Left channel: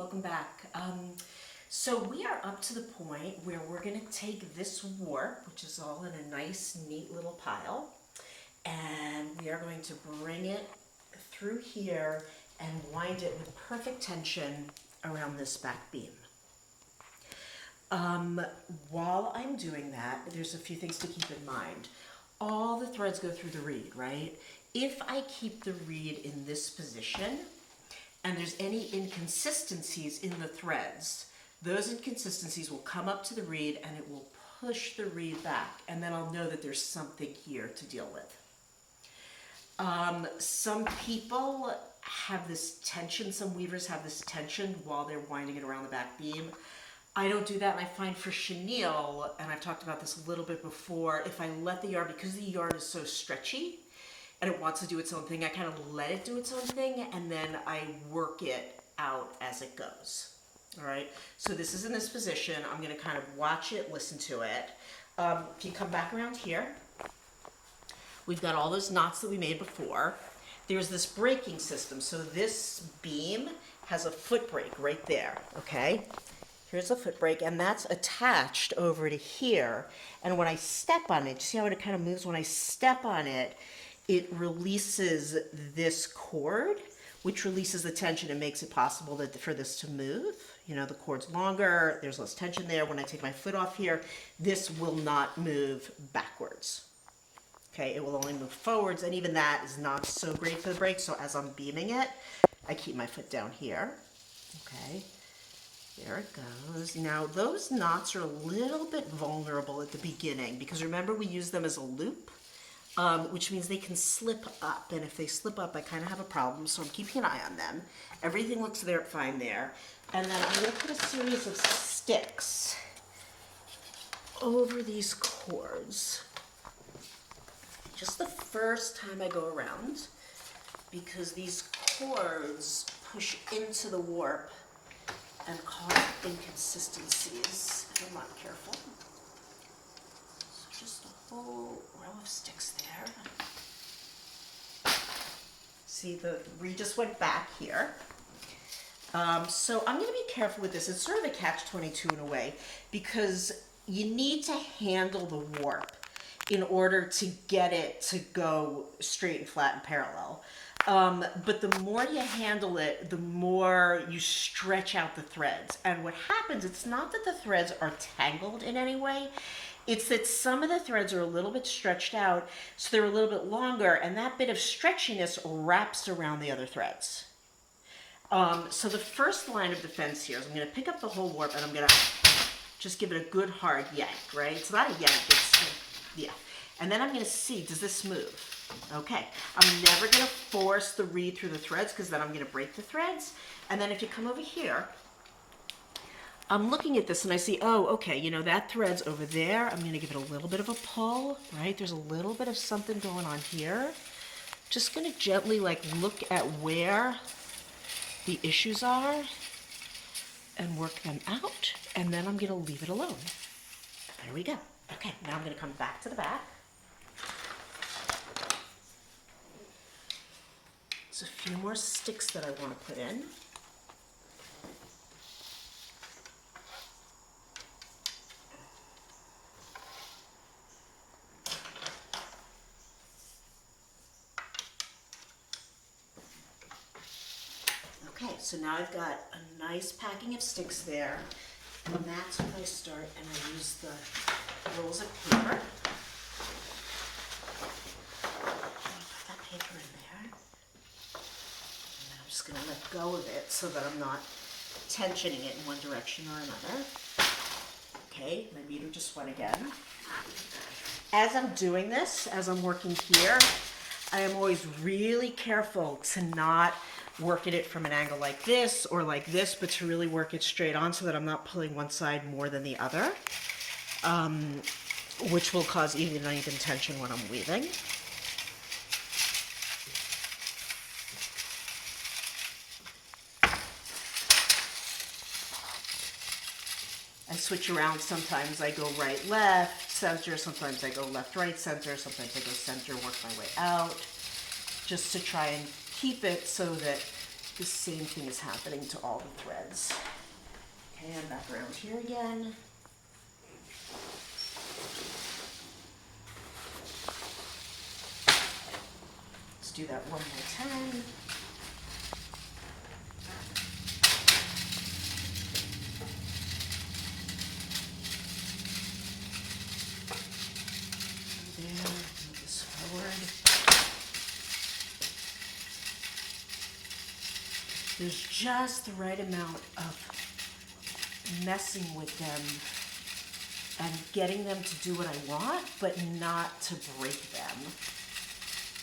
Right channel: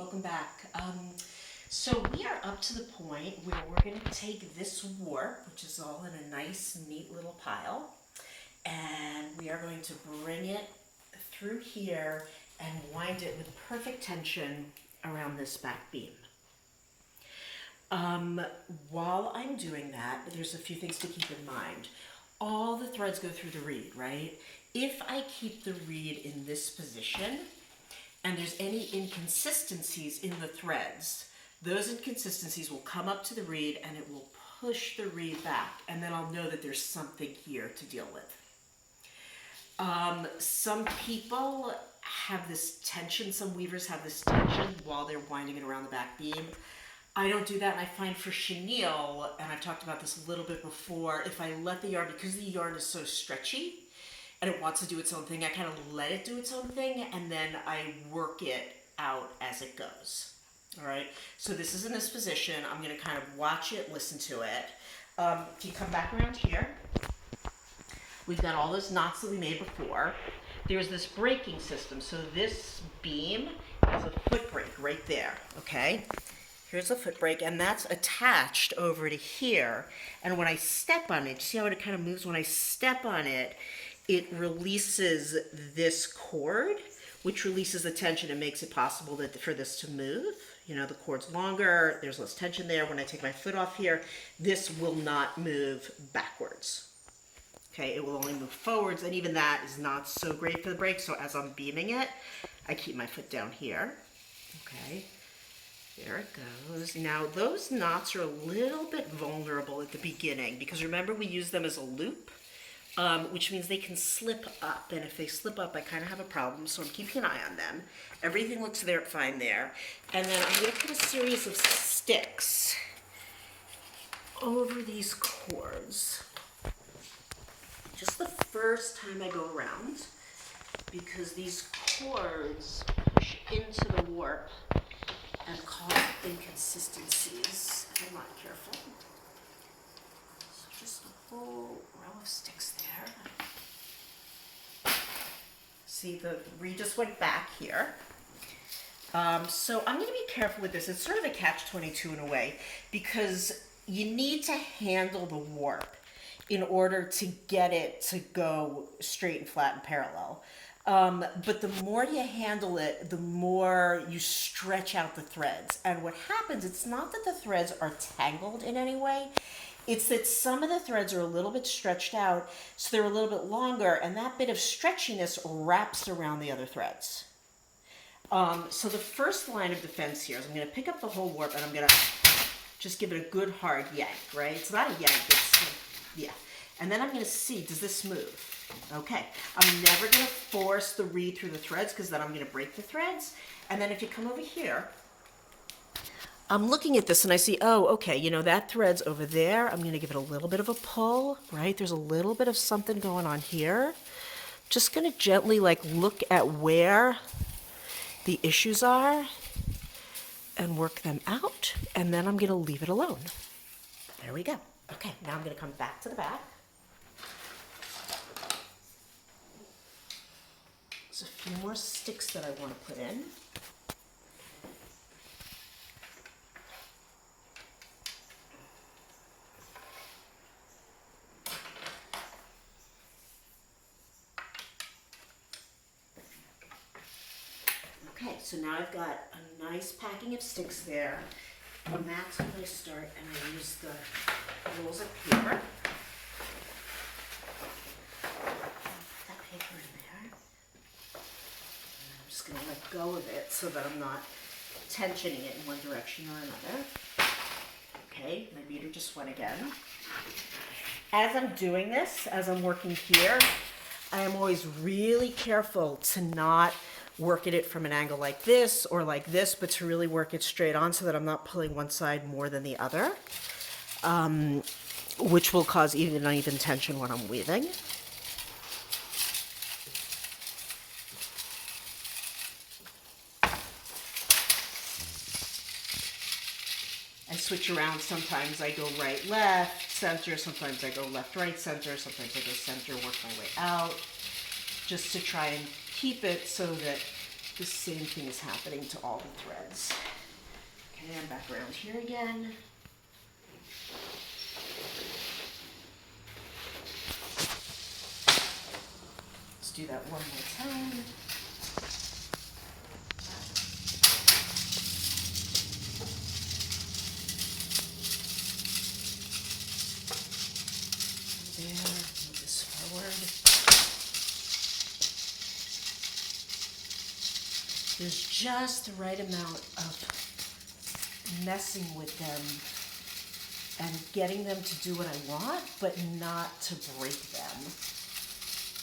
welcome back. So we are up to the point where we're going to take this warp, which is all in a nice, neat little pile, and we are going to bring it through here and wind it with perfect tension around this back beam. While I'm doing that, there's a few things to keep in mind. All the threads go through the reed, right? If I keep the reed in this position, and there's any inconsistencies in the threads, those inconsistencies will come up to the reed and it will push the reed back, and then I'll know that there's something here to deal with. Some people have this tension, some weavers have this tension while they're winding it around the back beam. I don't do that, and I find for chenille, and I've talked about this a little bit before, if I let the yarn, because the yarn is so stretchy, and it wants to do its own thing, I kind of let it do its own thing, and then I work it out as it goes. All right, so this is in this position. I'm going to kind of watch it, listen to it. If you come back around here, we've got all those knots that we made before. There's this braking system. So this beam has a foot brake right there, okay? Here's a foot brake, and that's attached over to here. And when I step on it, see how it kind of moves? When I step on it, it releases this cord, which releases the tension and makes it possible for this to move. You know, the cord's longer, there's less tension there. When I take my foot off here, this will not move backwards. Okay, it will only move forwards, and even that is not so great for the brake. So as I'm beaming it, I keep my foot down here. Okay, there it goes. Now those knots are a little bit vulnerable at the beginning because remember we use them as a loop. Which means they can slip up, and if they slip up, I kind of have a problem, so I'm keeping an eye on them. Everything looks fine there, and then I'm going to put a series of sticks over these cords, just the first time I go around, because these cords push into the warp and cause inconsistencies if I'm not careful. So just a whole row of sticks there. See, the reed just went back here. So I'm going to be careful with this. It's sort of a catch-22 in a way, because you need to handle the warp in order to get it to go straight and flat and parallel. But the more you handle it, the more you stretch out the threads. And what happens, it's not that the threads are tangled in any way. It's that some of the threads are a little bit stretched out, so they're a little bit longer, and that bit of stretchiness wraps around the other threads. So the first line of defense here is I'm going to pick up the whole warp, and I'm going to just give it a good hard yank, right? It's not a yank, it's, yeah. And then I'm going to see, does this move? Okay. I'm never going to force the reed through the threads, because then I'm going to break the threads. And then if you come over here, I'm looking at this and I see, oh, okay, you know, that thread's over there. I'm going to give it a little bit of a pull, right? There's a little bit of something going on here. Just going to gently, like, look at where the issues are and work them out. And then I'm going to leave it alone. There we go. Okay, now I'm going to come back to the back. There's a few more sticks that I want to put in. Okay, so now I've got a nice packing of sticks there, and that's when I start, and I use the rolls of paper. Put that paper in there, and then I'm just going to let go of it so that I'm not tensioning it in one direction or another. Okay, my beater just went again. As I'm doing this, as I'm working here, I am always really careful to not work at it from an angle like this or like this, but to really work it straight on so that I'm not pulling one side more than the other, which will cause even uneven tension when I'm weaving. I switch around. Sometimes I go right, left, center. Sometimes I go left, right, center. Sometimes I go center, work my way out, just to try and keep it so that the same thing is happening to all the threads. Okay, I'm back around here again. Let's do that one more time. There, move this forward. There's just the right amount of messing with them and getting them to do what I want, but not to break them.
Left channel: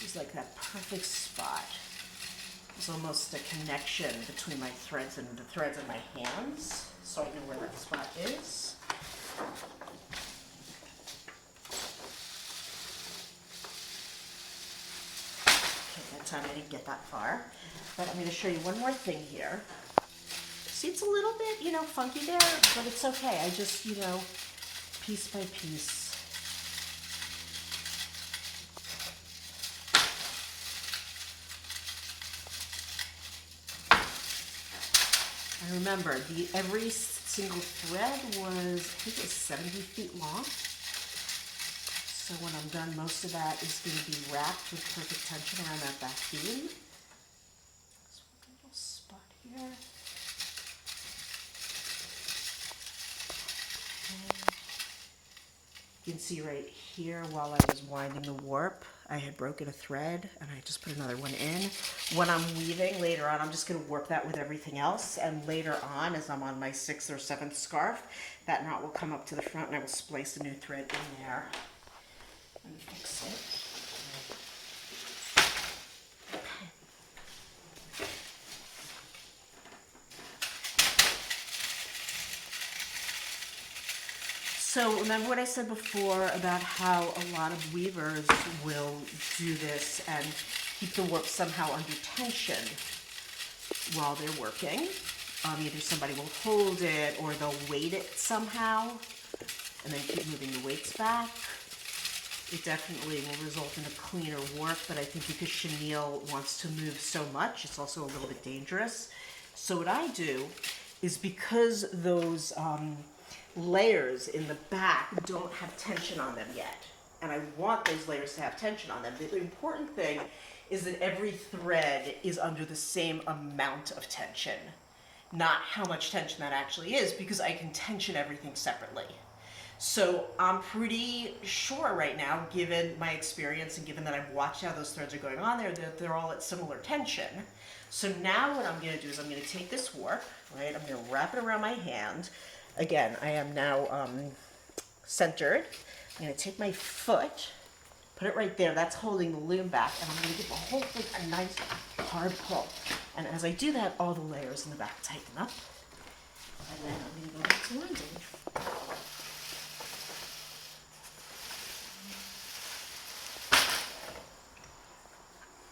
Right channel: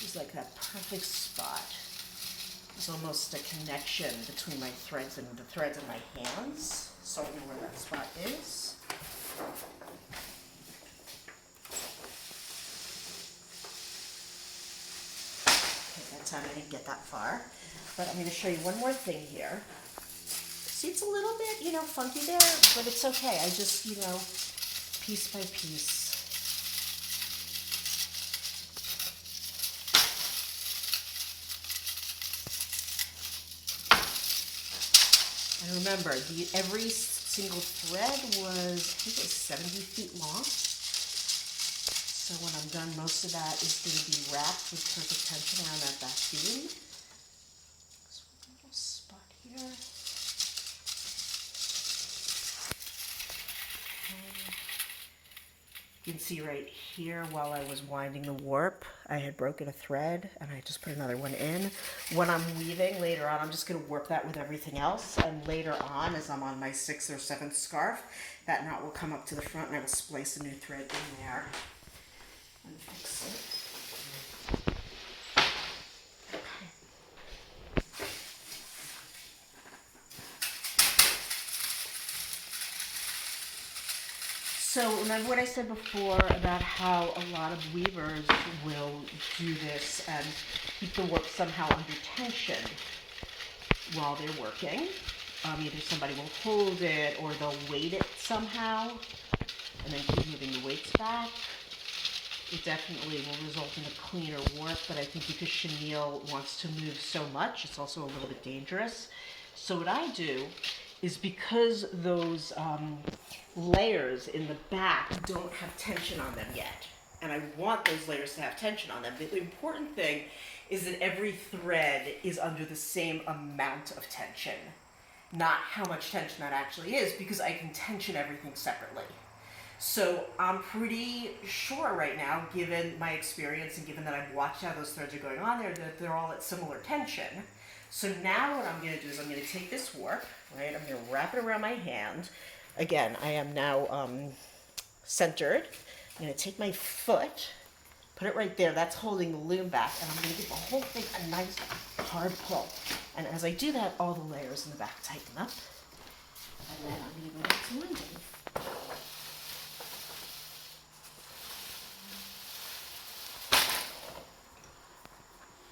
It's like that perfect spot. There's almost a connection between my threads and the threads in my hands, so I know where that spot is. Okay, that time I didn't get that far, but I'm going to show you one more thing here. See, it's a little bit, funky there, but it's okay. I just, piece by piece. And remember, every single thread was, I think it was 70 feet long. So when I'm done, most of that is going to be wrapped with perfect tension around that back beam. This one little spot here. You can see right here while I was winding the warp, I had broken a thread and I just put another one in. When I'm weaving later on, I'm just going to warp that with everything else. And later on, as I'm on my 6th or 7th scarf, that knot will come up to the front and I will splice a new thread in there and fix it. So remember what I said before about how a lot of weavers will do this and keep the warp somehow under tension while they're working. Either somebody will hold it or they'll weight it somehow and then keep moving the weights back. It definitely will result in a cleaner warp, but I think because chenille wants to move so much, it's also a little bit dangerous. So what I do is, because those layers in the back don't have tension on them yet, and I want those layers to have tension on them, the important thing is that every thread is under the same amount of tension, not how much tension that actually is, because I can tension everything separately. So I'm pretty sure right now, given my experience and given that I've watched how those threads are going on there, that they're all at similar tension. So now what I'm going to do is I'm going to take this warp, right? I'm going to wrap it around my hand. Again, I am now centered. I'm going to take my foot, put it right there. That's holding the loom back, and I'm going to give the whole thing a nice hard pull. And as I do that, all the layers in the back tighten up. And then I'm going to go back to winding.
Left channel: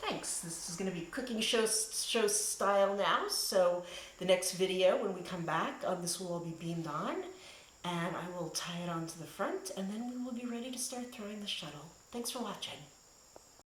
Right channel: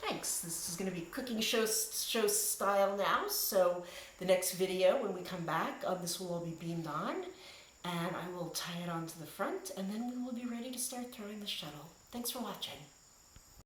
Thanks. This is going to be cooking show style now. So the next video, when we come back, this will all be beamed on, and I will tie it onto the front, and then we will be ready to start throwing the shuttle. Thanks for watching.